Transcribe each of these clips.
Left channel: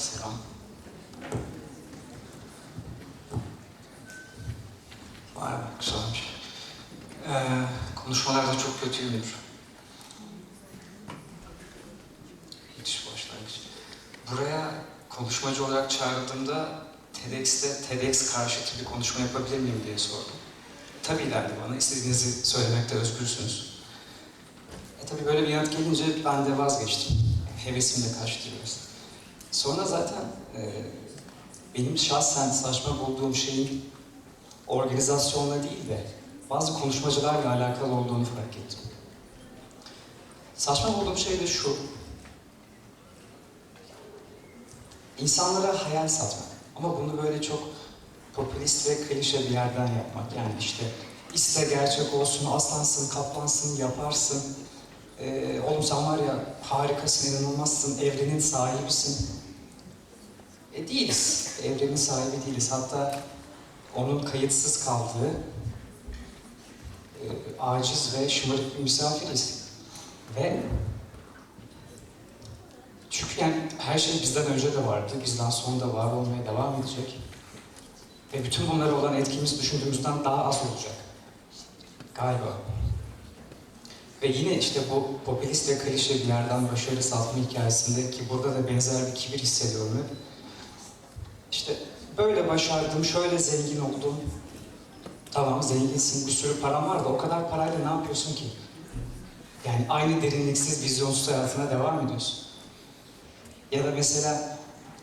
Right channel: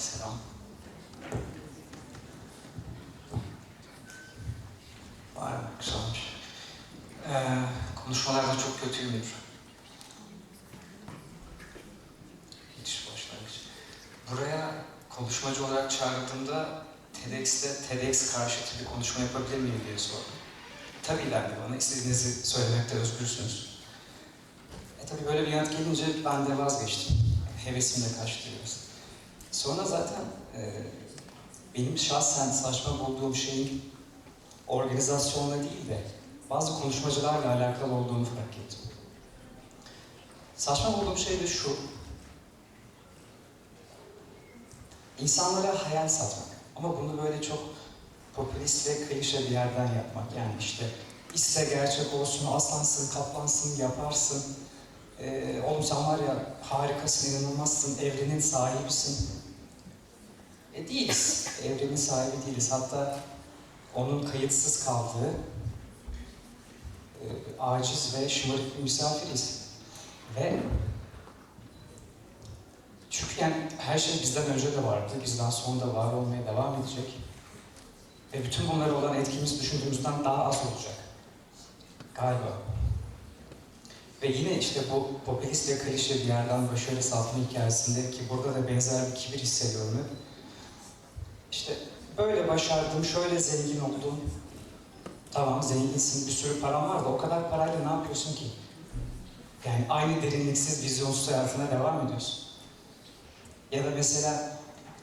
selam. Vay be, güzelmiş. Ee, konuşmalarda çok kötüyümdür. Müthiş başlangıç. Buraya konuşmacı olarak çağrıldığımda TEDx'te TEDx karşıtı bir konuşma yapabilir miyim diye sordum. Tabii dendi bana, istediğinizi söylemekte özgürsünüz. E tabii böyle bir yanıt gelince ben de vazgeçtim. Hevesim de kaçtı biraz. Sonra zaten e, benim şahsen saçma bulduğum şeyin organizasyonla değil de bazı konuşmacılarla alakalı olduğunu fark ettim. Saçma bulduğum şey de şu. İnsanlara hayal satmak. Ama bunu böyle çok popülist ve klişe bir yerden yapmak. Yani işte iste gerçek olsun, aslansın, kaplansın, yaparsın. Ee, oğlum sen var ya harikasın, inanılmazsın, evrenin sahibisin. E değiliz. Evrenin sahibi değiliz. Hatta onun kayıtsız kaldığı e, aciz ve şımarık bir misafiriz. Ve çünkü yani her şey bizden önce de vardı, bizden sonra da var olmaya devam edecek. Ve bütün bunlara olan etkimiz düşündüğümüzden daha az olacak. Galiba. Ve yine işte bu popülist ve klişe bir yerden başarı satma hikayesinde ki burada da benzer bir kibir hissediyorum. İşte böyle başardım, şöyle zengin oldum. Tamam zenginsin, bir sürü param var da o kadar parayla ne yapıyorsun ki? Yani aynı derinliksiz, vizyonsuz hayatına devam ediyorsun. Ya da mesela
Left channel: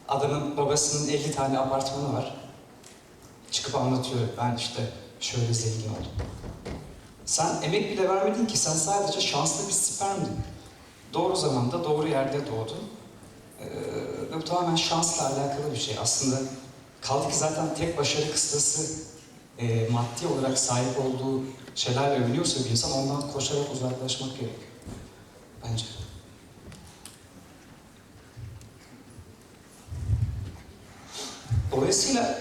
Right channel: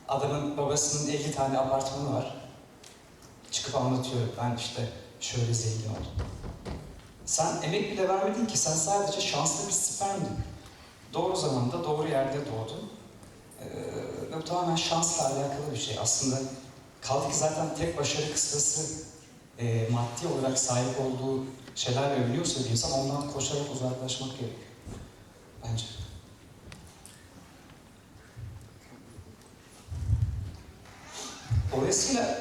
adamın babasının 50 tane apartmanı var. Çıkıp anlatıyor, ben işte şöyle zengin oldum. Sen emek bile vermedin ki, sen sadece şanslı bir spermdin. Doğru zamanda, doğru yerde doğdun. Ee, bu tamamen şansla alakalı bir şey. Aslında kaldı ki zaten tek başarı kıstası e, maddi olarak sahip olduğu şeylerle övünüyorsa bir insan ondan koşarak uzaklaşmak gerekiyor. Bence. Dolayısıyla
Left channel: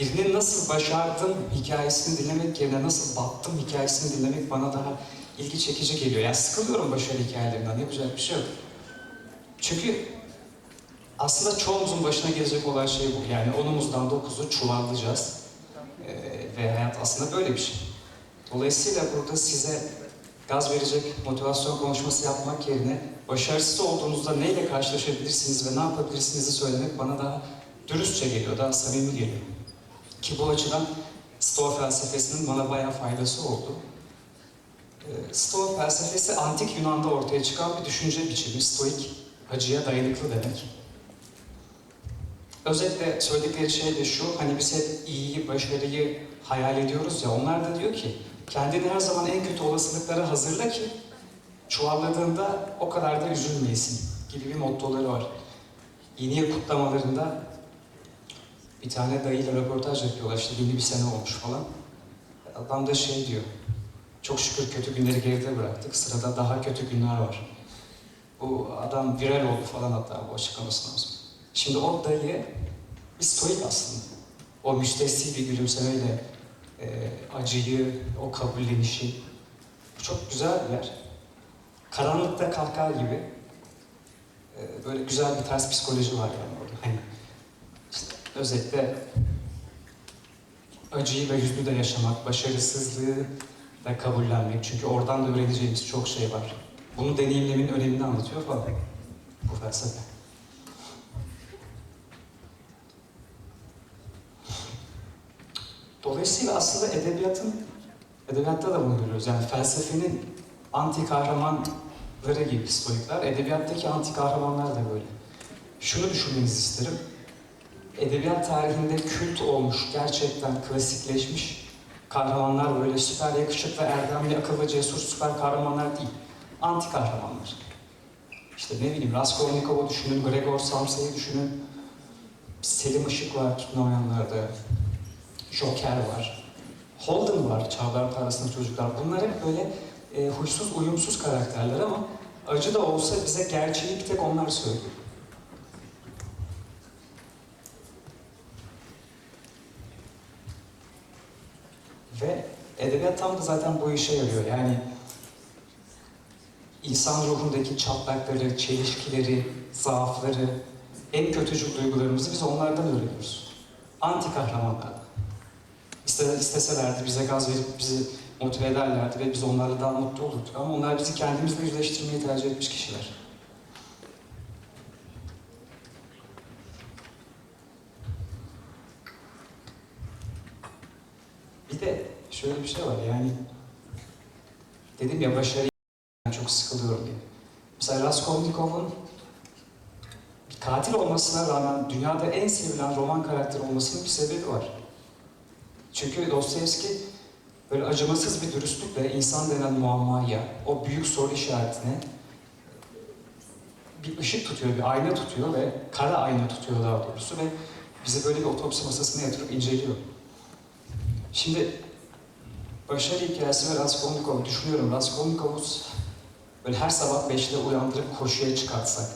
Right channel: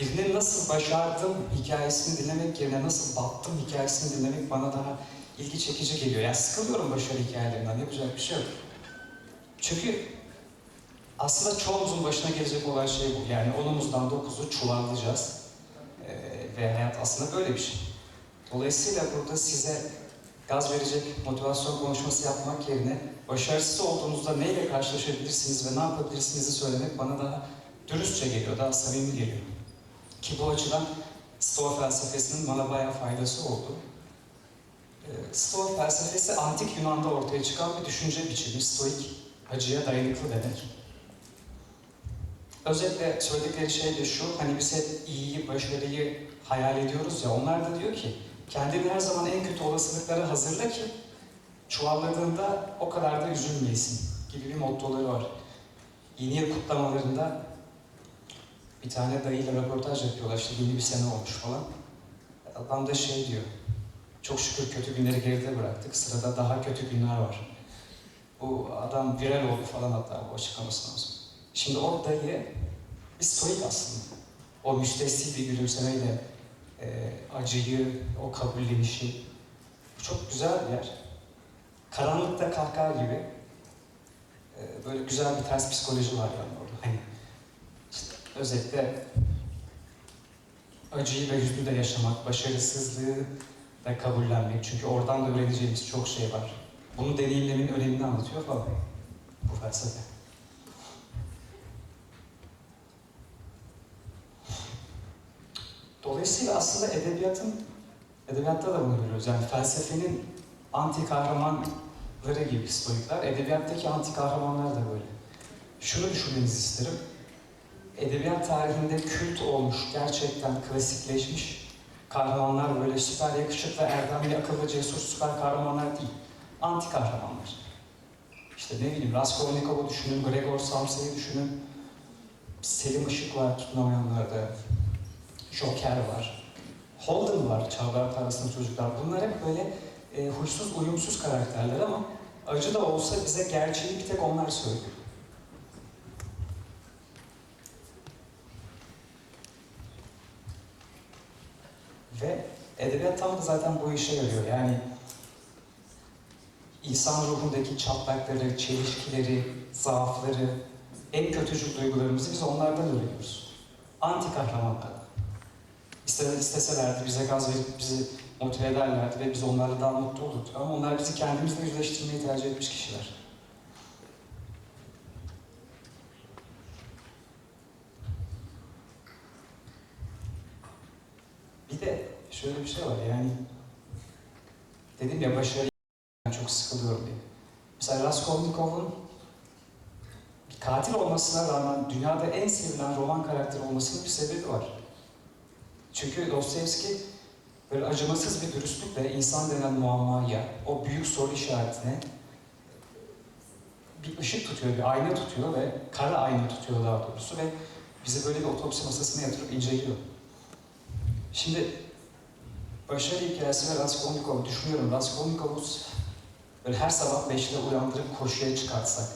birinin nasıl başardım hikayesini dinlemek yerine nasıl battım hikayesini dinlemek bana daha ilgi çekici geliyor. Yani sıkılıyorum başarı hikayelerinden, yapacak bir şey yok. Çünkü aslında çoğumuzun başına gelecek olan şey bu. Yani onumuzdan dokuzu çuvallayacağız. Ee, ve hayat aslında böyle bir şey. Dolayısıyla burada size gaz verecek motivasyon konuşması yapmak yerine başarısız olduğunuzda neyle karşılaşabilirsiniz ve ne yapabilirsinizi söylemek bana daha dürüstçe geliyor, daha samimi geliyor. Ki bu açıdan Stoa felsefesinin bana bayağı faydası oldu. Ee, Stoa felsefesi antik Yunan'da ortaya çıkan bir düşünce biçimi. Stoik, acıya dayanıklı demek. Özetle söyledikleri şey de şu, hani biz hep iyiyi, başarıyı hayal ediyoruz ya, onlar da diyor ki, kendini her zaman en kötü olasılıklara hazırla ki, çuvalladığında o kadar da üzülmeyesin gibi bir mottoları var. Yeni kutlamalarında bir tane dayıyla röportaj yapıyorlar, işte yeni bir sene olmuş falan. Adam da şey diyor, çok şükür kötü günleri geride bıraktık, sırada daha kötü günler var. Bu adam viral oldu falan hatta bu açıklamasından sonra. Şimdi o dayı bir stoik aslında. O müstesni bir gülümsemeyle e, acıyı, o kabullenişi. Bu çok güzel bir yer. Karanlıkta kahkaha gibi. E, böyle güzel bir ters psikoloji var yani orada. Hani işte özetle acıyı ve hüznü de yaşamak, başarısızlığı da kabullenmek. Çünkü oradan da öğreneceğimiz çok şey var. Bunu deneyimlemin önemini anlatıyor falan bu felsefe. Dolayısıyla aslında edebiyatın, edebiyatta da bunu görüyoruz. Yani felsefenin anti kahramanları gibi stoikler, edebiyattaki anti kahramanlar da böyle. Şunu düşünmenizi isterim. Edebiyat tarihinde kült olmuş, gerçekten klasikleşmiş kahramanlar böyle süper yakışıklı, erdemli, akıllı, cesur süper kahramanlar değil. Anti kahramanlar. İşte ne bileyim Raskolnikov'u düşünün, Gregor Samsa'yı düşünün. Selim Işık var tutunamayanlarda. Joker var. Holden var, Çağlar Parasında Çocuklar. Bunlar hep böyle e, huysuz, uyumsuz karakterler ama acı da olsa bize gerçeği bir tek onlar söylüyor. Ve edebiyat tam da zaten bu işe yarıyor. Yani insan ruhundaki çatlakları, çelişkileri, zaafları, en kötücül duygularımızı biz onlardan öğreniyoruz. Anti kahramanlardan. İste, isteselerdi bize gaz verip bizi motive ederlerdi ve biz onlarla daha mutlu olurduk. Ama onlar bizi kendimizle yüzleştirmeyi tercih etmiş kişiler. Bir de şöyle bir şey var yani dedim ya başarı çok sıkılıyorum diye. Mesela Raskolnikov'un katil olmasına rağmen dünyada en sevilen roman karakteri olmasının bir sebebi var. Çünkü Dostoyevski böyle acımasız bir dürüstlükle insan denen muammaya, o büyük soru işaretine bir ışık tutuyor, bir ayna tutuyor ve kara ayna tutuyor daha doğrusu ve bizi böyle bir otopsi masasına yatırıp inceliyor. Şimdi başarı hikayesi ve Raskolnikov'u düşünüyorum. Raskolnikov'u böyle her sabah beşte uyandırıp koşuya çıkartsak.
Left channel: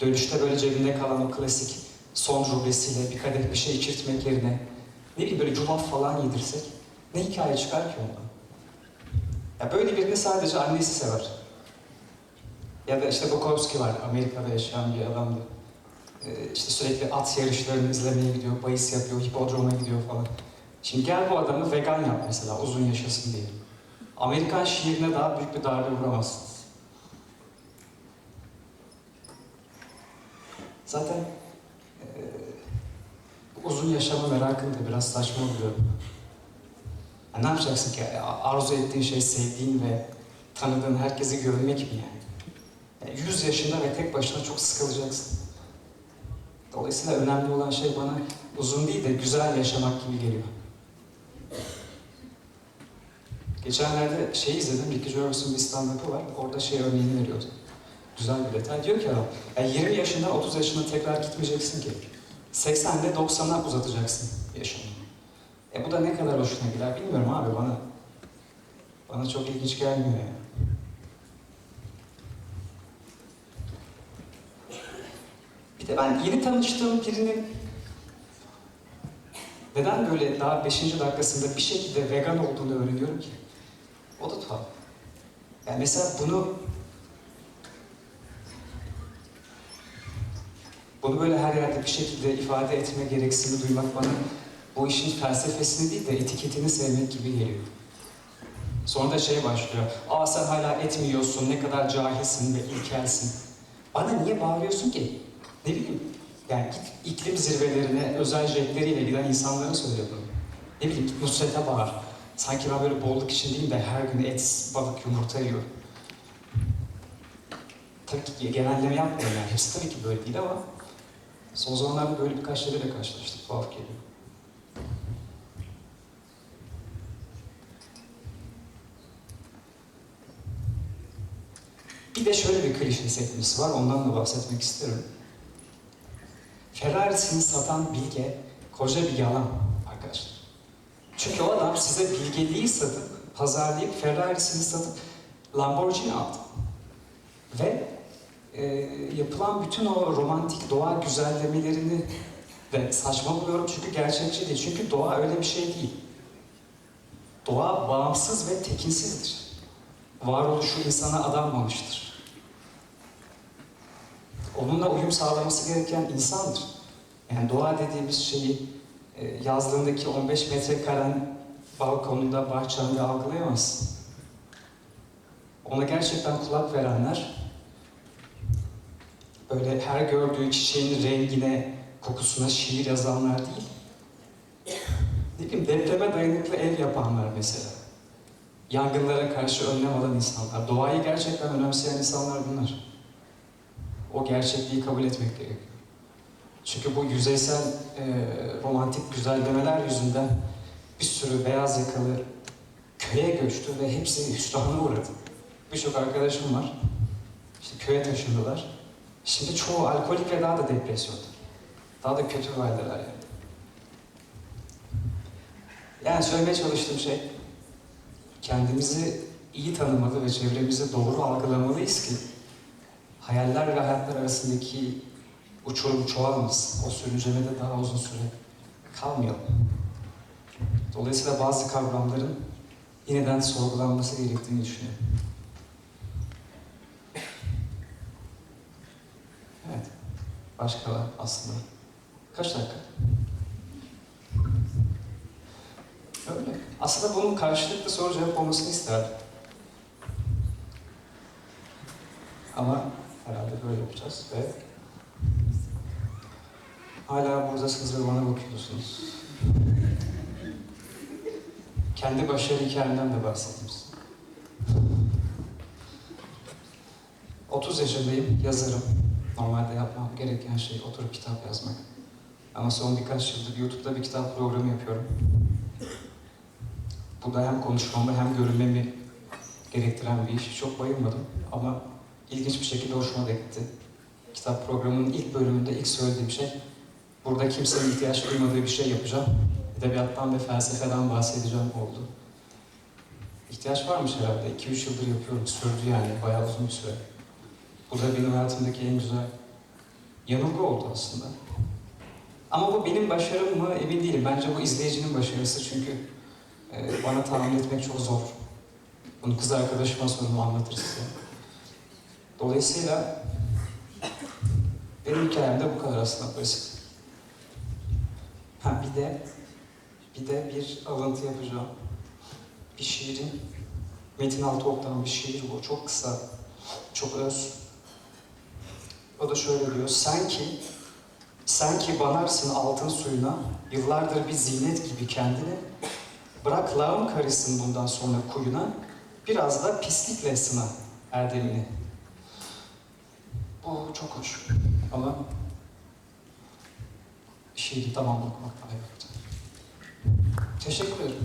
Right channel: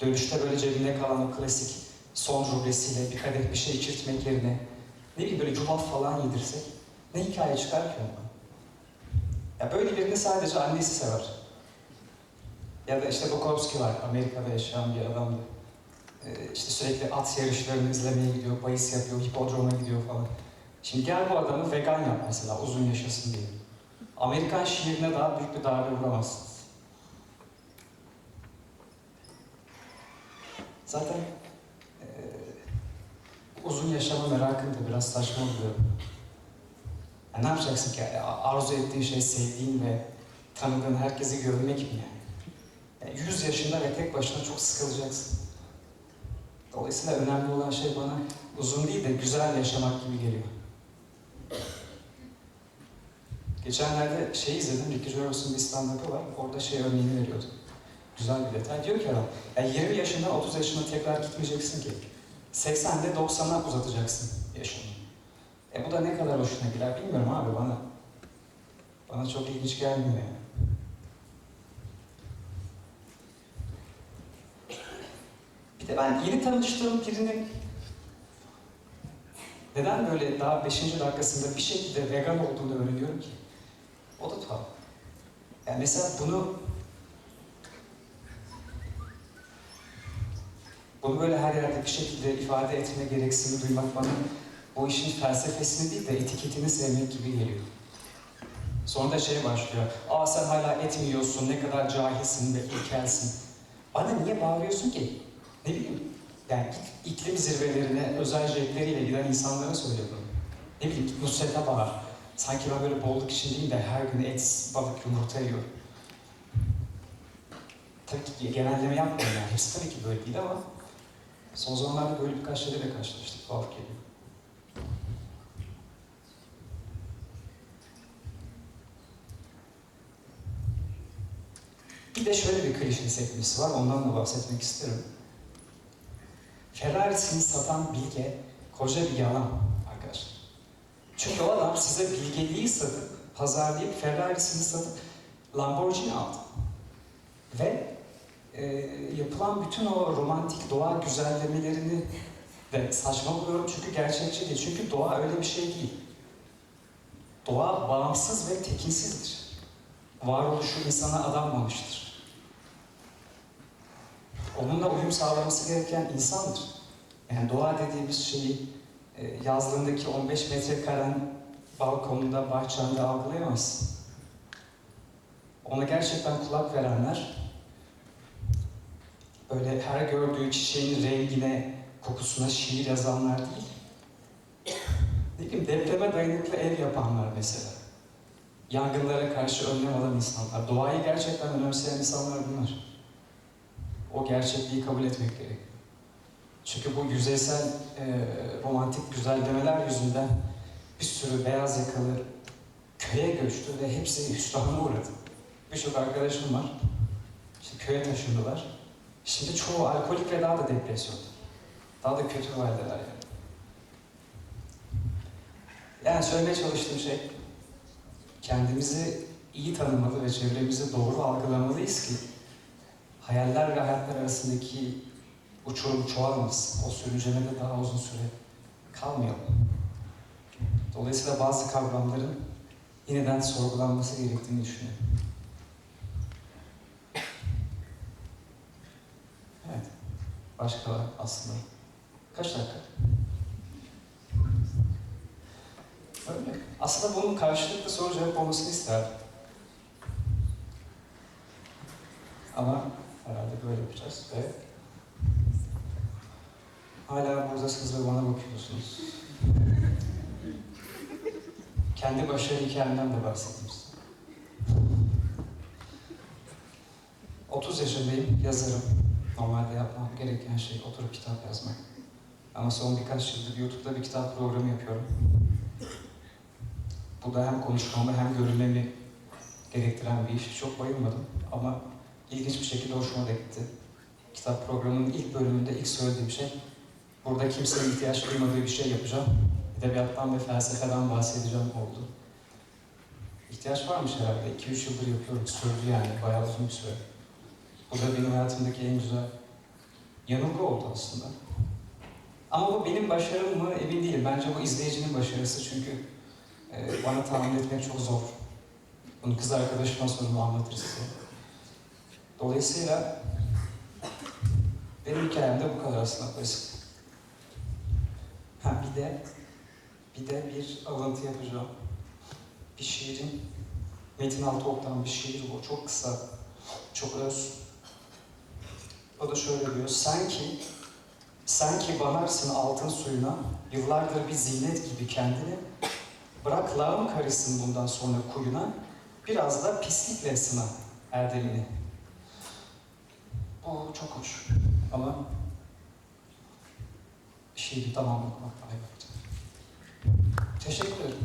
Dönüşte böyle cebinde kalan o klasik son rublesiyle bir kadeh bir şey içirtmek yerine ne bileyim böyle cumaf falan yedirsek ne hikaye çıkar ki ondan? Ya böyle birini sadece annesi sever. Ya da işte Bukowski var, Amerika'da yaşayan bir adamdı. Ee, işte sürekli at yarışlarını izlemeye gidiyor, bahis yapıyor, hipodroma gidiyor falan. Şimdi gel bu adamı vegan yap mesela, uzun yaşasın diye. Amerikan şiirine daha büyük bir darbe vuramazsınız. Zaten e, uzun yaşama merakını da biraz saçma buluyorum. Ya ne yapacaksın ki? Arzu ettiğin şey sevdiğin ve tanıdığın herkesi görmek mi yani? Ya 100 yaşında ve tek başına çok sıkılacaksın. Dolayısıyla önemli olan şey bana uzun değil de güzel yaşamak gibi geliyor. Geçenlerde şey izledim, Ricky Gervais'ın bir stand-up'ı var. Orada şey örneğini veriyordu. Güzel bir detay. Diyor ki adam, ya 20 yaşından 30 yaşına tekrar gitmeyeceksin ki. 80'de 90'a uzatacaksın yaşını. E bu da ne kadar hoşuna gider bilmiyorum abi bana. Bana çok ilginç gelmiyor yani. Bir de ben yeni tanıştığım birinin neden böyle daha 5. dakikasında bir şekilde vegan olduğunu öğreniyorum ki? O da tuhaf. Yani mesela bunu bunu böyle her yerde bir şekilde ifade etme gereksinimi duymak bana o işin felsefesini değil de etiketini sevmek gibi geliyor. Sonra da şey başlıyor. Aa sen hala et mi yiyorsun, ne kadar cahilsin ve ilkelsin. Bana niye bağırıyorsun ki? Ne bileyim, yani git iklim zirvelerine özel jetleriyle giden insanlara söylüyorum. Ne bileyim git Nusret'e bağır. Sanki ben böyle bolluk içindeyim de her gün et, balık, yumurta yiyorum. Tabii ki genelleme yapmıyorum yani. Hepsi tabii ki böyle değil ama son zamanlarda böyle birkaç şeylerle karşılaştık. Tuhaf geliyor. Bir de şöyle bir klişe sekmesi var, ondan da bahsetmek isterim. Ferrari'sini satan bilge koca bir yalan arkadaşlar. Çünkü o adam size bilgeliği satıp, pazarlayıp, Ferrari'sini satıp Lamborghini aldı. Ve e, yapılan bütün o romantik doğa güzellemelerini de saçma buluyorum çünkü gerçekçi değil. Çünkü doğa öyle bir şey değil. Doğa bağımsız ve tekinsizdir. Varoluşu insana adanmamıştır. Onunla uyum sağlaması gereken insandır. Yani doğa dediğimiz şeyi yazlığındaki 15 metrekaren balkonunda, bahçende algılayamazsın. Ona gerçekten kulak verenler, böyle her gördüğü çiçeğin rengine, kokusuna şiir yazanlar değil. Ne bileyim depreme dayanıklı ev yapanlar mesela. Yangınlara karşı önlem alan insanlar. Doğayı gerçekten önemseyen insanlar bunlar. O gerçekliği kabul etmek gerekiyor. Çünkü bu yüzeysel e, romantik güzellemeler yüzünden bir sürü beyaz yakalı köye göçtü ve hepsi hüsrana uğradı. Birçok arkadaşım var. İşte köye taşındılar. Şimdi çoğu alkolik ve daha da depresyonda. Daha da kötü haldeler yani. Yani söylemeye çalıştığım şey, kendimizi iyi tanımalı ve çevremizi doğru algılamalıyız ki hayaller ve hayatlar arasındaki uçurum çoğalmasın. O sürüncemede daha uzun süre kalmayalım. Dolayısıyla bazı kavramların yeniden sorgulanması gerektiğini düşünüyorum. Evet. Başka var aslında. Kaç dakika? Öyle. Aslında bunun karşılıklı soru cevap olmasını isterdim. Ama herhalde böyle yapacağız ve hala buradasınız ve bana bakıyorsunuz. Kendi başarı hikayemden de bahsettim size. 30 yaşındayım, yazarım. Normalde yapmam gereken şey oturup kitap yazmak. Ama son birkaç yıldır YouTube'da bir kitap programı yapıyorum. Bu da hem konuşmamı hem görünmemi gerektiren bir iş. Çok bayılmadım ama ilginç bir şekilde hoşuma da gitti. Kitap programının ilk bölümünde ilk söylediğim şey, burada kimsenin ihtiyaç duymadığı bir şey yapacağım. Edebiyattan ve felsefeden bahsedeceğim oldu. İhtiyaç varmış herhalde. 2-3 yıldır yapıyorum. Sürdü yani. Bayağı uzun bir süre. Bu da benim hayatımdaki en güzel yanılgı oldu aslında. Ama bu benim başarım mı emin değilim. Bence bu izleyicinin başarısı çünkü e, bana tahmin etmek çok zor. Bunu kız arkadaşıma sorun o anlatır size. Dolayısıyla benim hikayem de bu kadar aslında basit. Ha bir de bir de bir alıntı yapacağım. Bir şiirin Metin Altıok'tan bir şiir bu. Çok kısa, çok öz. O da şöyle diyor. Sen ki, sen ki banarsın altın suyuna, yıllardır bir zinet gibi kendini, bırak lağım karışsın bundan sonra kuyuna, biraz da pislikle sına erdemini. Bu çok hoş. Ama şiiri tamamlamak daha iyi. Teşekkür ederim.